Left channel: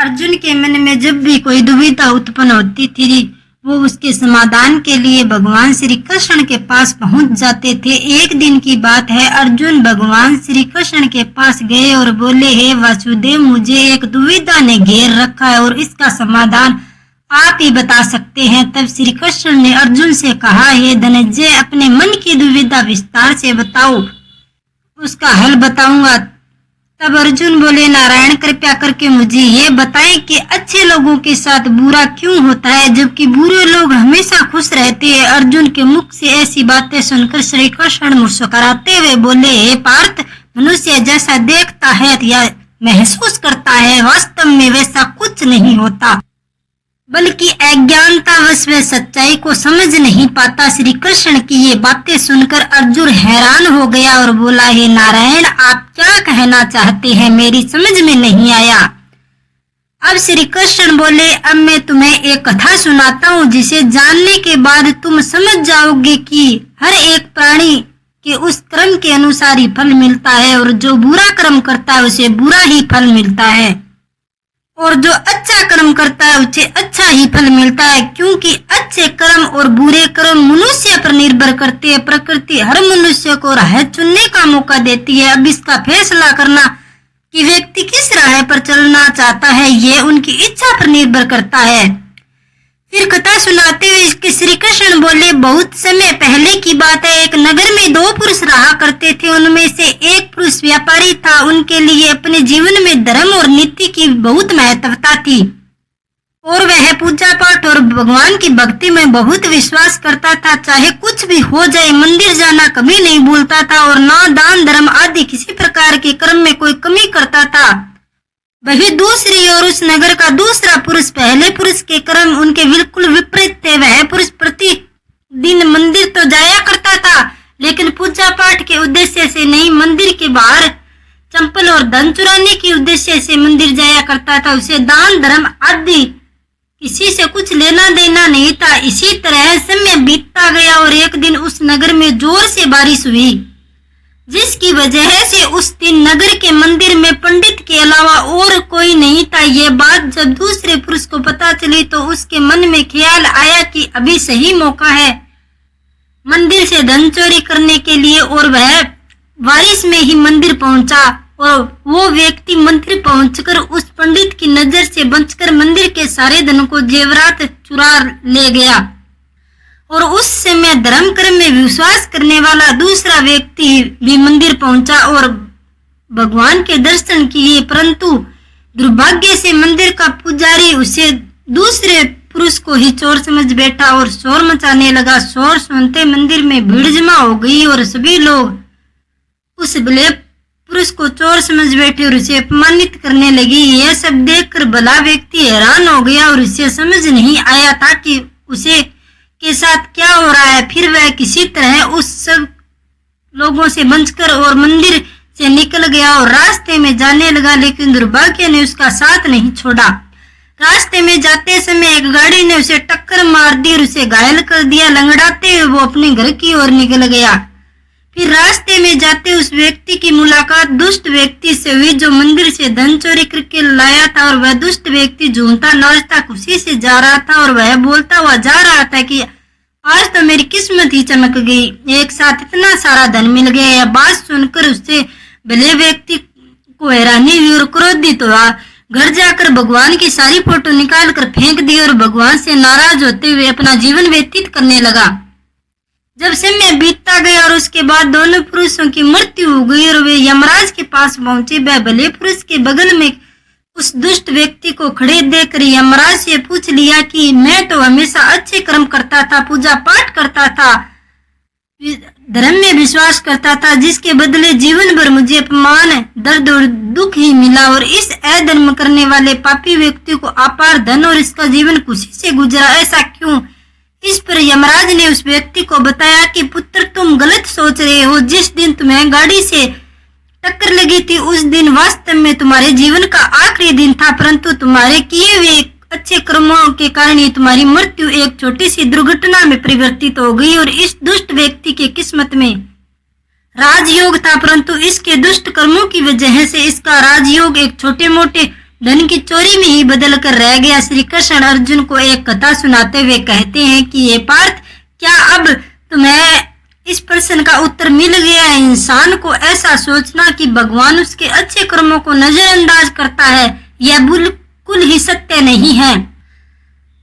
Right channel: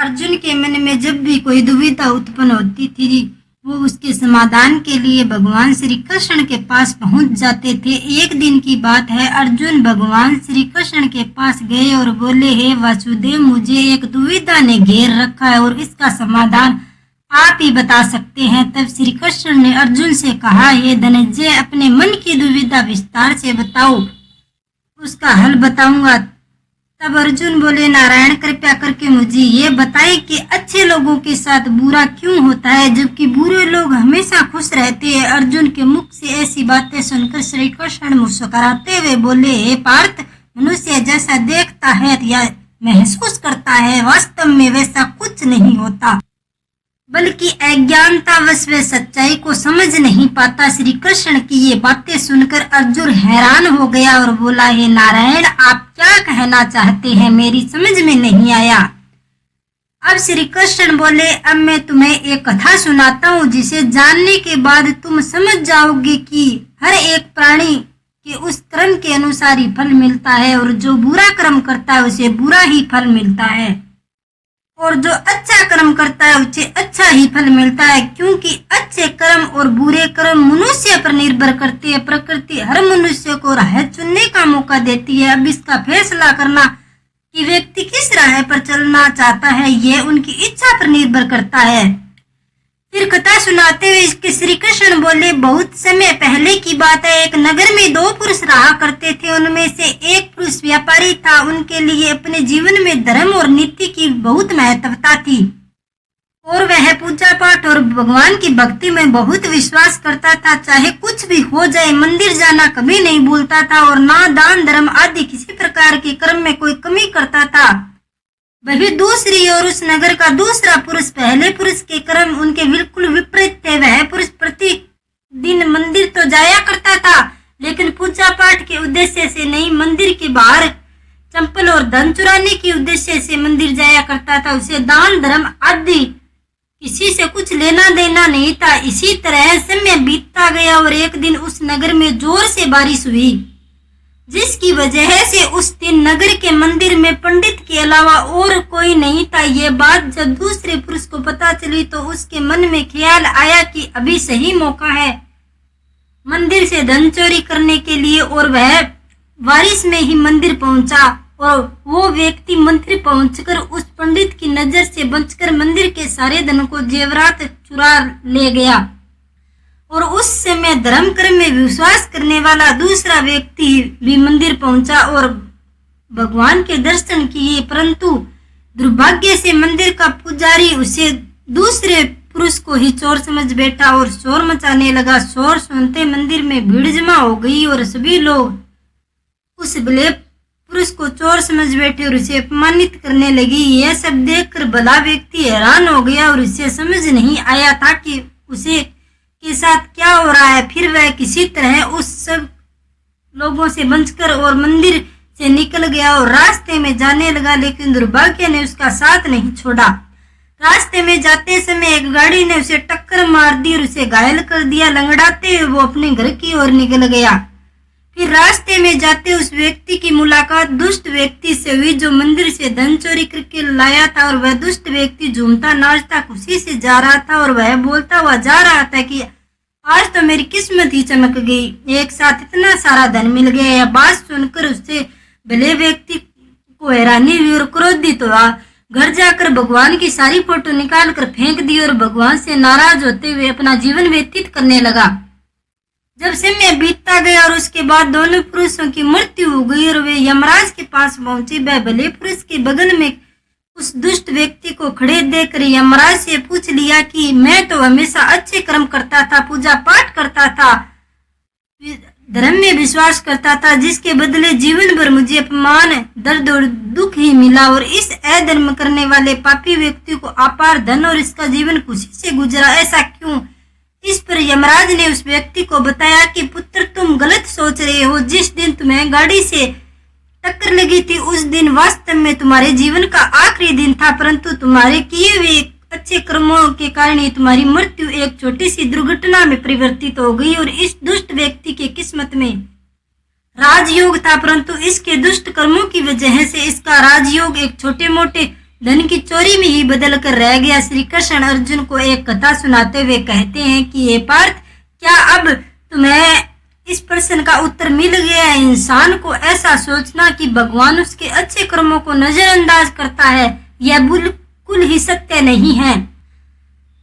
अर्जुन के मन में जब भी कोई दुविधा उत्पन्न होती थी वो उसके समाधान के लिए भगवान श्री कृष्ण के पास पहुंच जाते थे। एक दिन की बात है, अर्जुन भगवान श्री कृष्ण के पास गए और बोले, हे वासुदेव, मुझे एक दुविधा ने घेर रखा है और इसका समाधान आप ही बता सकते हैं। तब श्री कृष्ण ने अर्जुन से कहा, हे धनंजय, अपने मन की दुविधा विस्तार से बताओ, उसका हल बताऊंगा। तब अर्जुन बोले, नारायण, कृपया करके मुझे ये बताएं कि अच्छे लोगों के साथ बुरा क्यों होता है जबकि बुरे लोग हमेशा खुश रहते हैं। अर्जुन के मुख से ऐसी बातें सुनकर श्री कृष्ण मुस्कुराते हुए बोले, हे पार्थ, मनुष्य जैसा देखता है या महसूस करता है, वास्तव में वैसा कुछ नहीं होता, बल्कि अज्ञानतावश वे सच्चाई को समझ नहीं पाता। श्री कृष्ण की ये बातें सुनकर अर्जुन हैरान हो गया और बोला, हे नारायण, आप क्या कहना चाहते हैं, मेरी समझ में नहीं आया। अब श्री कृष्ण बोले, अब मैं तुम्हें एक कथा सुनाता हूँ जिसे जानने के बाद तुम समझ जाओगे कि हर एक प्राणी के उस कर्म के अनुसार ही फल मिलता है और जो बुरा कर्म करता है उसे बुरा ही फल मिलता है और जो अच्छा कर्म करता है उसे अच्छा ही फल मिलता है, क्योंकि अच्छे कर्म और बुरे कर्म मनुष्य पर निर्भर करते हैं। प्रकृति हर मनुष्य को राह चुनने का मौका देती है। अब इसका फैसला करना कि व्यक्ति किस राह पर चलना चाहता है ये उनकी इच्छा पर निर्भर करता है। फिर कथा सुनाते हुए श्री कृष्ण बोले, बहुत समय पहले की बात है, एक नगर में दो पुरुष रहा करते थे। उनमें से एक पुरुष व्यापारी था। उनके लिए अपने जीवन में धर्म और नीति की बहुत महत्वता थी और वह पूजा पाठ और भगवान की भक्ति में बहुत विश्वास करता था। चाहे कुछ भी हो जाए, मंदिर जाना कभी नहीं भूलता था और ना दान धर्म आदि किसी प्रकार के कर्म में कोई कमी करता था। वही दूसरी ओर उस नगर का दूसरा पुरुष, पहले पुरुष के कर्म उनके बिल्कुल विपरीत थे। वह पुरुष प्रतिदिन मंदिर तो जाया करता था, लेकिन पूजा पाठ के उद्देश्य से नहीं, मंदिर के बाहर चंपल और धन चुराने के उद्देश्य से मंदिर जाया करता था। उसे दान धर्म आदि किसी से कुछ लेना देना नहीं था। इसी तरह समय बीतता गया और एक दिन उस नगर में जोर से बारिश हुई, जिसकी वजह से उस दिन नगर के मंदिर में पंडित के अलावा और कोई नहीं था। ये बात जब दूसरे पुरुष को पता चली तो उसके मन में ख्याल आया कि अभी सही मौका है मंदिर से धन चोरी करने के लिए, और वह बारिश में ही मंदिर पहुंचा और वो व्यक्ति मंदिर पहुंचकर उस पंडित की नजर से बचकर मंदिर के सारे धन को जेवरात चुरा ले गया। और उस समय धर्म कर्म में विश्वास करने वाला दूसरा व्यक्ति भी मंदिर पहुंचा और भगवान के दर्शन किए, परंतु दुर्भाग्य से मंदिर का पुजारी उसे दूसरे पुरुष को ही चोर समझ बैठा और शोर मचाने लगा। शोर सुनते मंदिर में भीड़ जमा हो गई और सभी लोग उस भले पुरुष को चोर समझ बैठे और उसे अपमानित करने लगी। यह सब देखकर भला व्यक्ति हैरान हो गया और उसे समझ नहीं आया था कि उसे के साथ क्या हो रहा है। फिर वह किसी तरह उस सब लोगों से बचकर और मंदिर से निकल गया और रास्ते में जाने लगा, लेकिन दुर्भाग्य ने उसका साथ नहीं छोड़ा। रास्ते में जाते समय एक गाड़ी ने उसे टक्कर मार दी और उसे घायल कर दिया। लंगड़ाते हुए वो अपने घर की ओर निकल गया। फिर रास्ते में जाते उस व्यक्ति की मुलाकात दुष्ट व्यक्ति से हुई जो मंदिर से धन चोरी करके लाया था, और वह दुष्ट व्यक्ति झूमता नाचता खुशी से जा रहा था और वह बोलता हुआ जा रहा था कि आज तो मेरी किस्मत ही चमक गई, एक साथ इतना सारा धन मिल गया। यह बात सुनकर उससे भले व्यक्ति को हैरानी हुई और क्रोधित हुआ। घर जाकर भगवान की सारी फोटो निकाल कर फेंक दी और भगवान से नाराज होते हुए अपना जीवन व्यतीत करने लगा। जब समय बीतता गया और उसके बाद दोनों पुरुषों की मृत्यु हो गई और वे यमराज के पास पहुंचे, वह भले पुरुष के बगल में उस दुष्ट व्यक्ति को खड़े देखकर यमराज से पूछ लिया कि मैं तो हमेशा अच्छे कर्म करता था, पूजा पाठ करता था, धर्म में विश्वास करता था, जिसके बदले जीवन भर मुझे अपमान, दर्द और दुख ही मिला, और इस अधर्म करने वाले पापी व्यक्ति को अपार धन और इसका जीवन खुशी से गुजरा, ऐसा क्यों? इस पर यमराज ने उस व्यक्ति को बताया कि पुत्र, तुम गलत सोच रहे हो। जिस दिन तुम्हें गाड़ी से टक्कर लगी थी उस दिन वास्तव में तुम्हारे जीवन का आखिरी दिन था, परंतु तुम्हारे किए हुए अच्छे कर्मों के कारण ही तुम्हारी मृत्यु एक छोटी सी दुर्घटना में परिवर्तित हो गई। और इस दुष्ट व्यक्ति के किस्मत में राजयोग था, परंतु इसके दुष्ट कर्मों की वजह से इसका राजयोग एक छोटे मोटे धन की चोरी में ही बदल कर रह गया। श्री कृष्ण अर्जुन को एक कथा सुनाते हुए कहते हैं कि ये पार्थ, क्या अब तुम्हें इस प्रश्न का उत्तर मिल गया है? इंसान को ऐसा सोचना कि भगवान उसके अच्छे कर्मों को नजरअंदाज करता है, यह बिल्कुल ही सत्य नहीं है।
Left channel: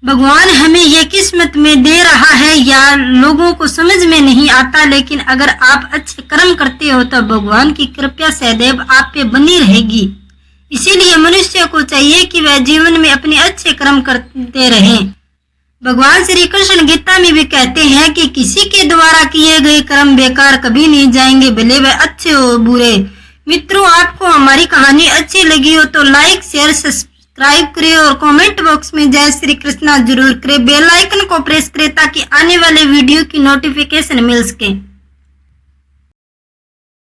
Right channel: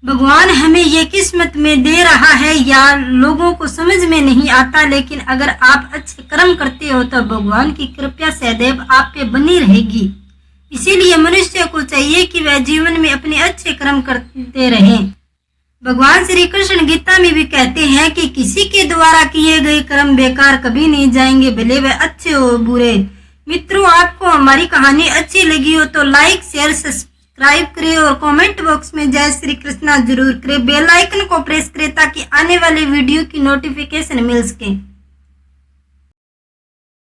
भगवान हमें ये किस्मत में दे रहा है या लोगों को समझ में नहीं आता, लेकिन अगर आप अच्छे कर्म करते हो तो भगवान की कृपा सदैव आप पे बनी रहेगी। इसीलिए मनुष्य को चाहिए कि वह जीवन में अपने अच्छे कर्म करते रहें। भगवान श्री कृष्ण गीता में भी कहते हैं कि किसी के द्वारा किए गए कर्म बेकार कभी नहीं जाएंगे, भले वह अच्छे हो बुरे। मित्रों, आपको हमारी कहानी अच्छी लगी हो तो लाइक, शेयर, सब्सक्राइब करें और कमेंट बॉक्स में जय श्री कृष्णा जरूर करें। बेल आइकन को प्रेस करें ताकि आने वाले वीडियो की नोटिफिकेशन मिल सके।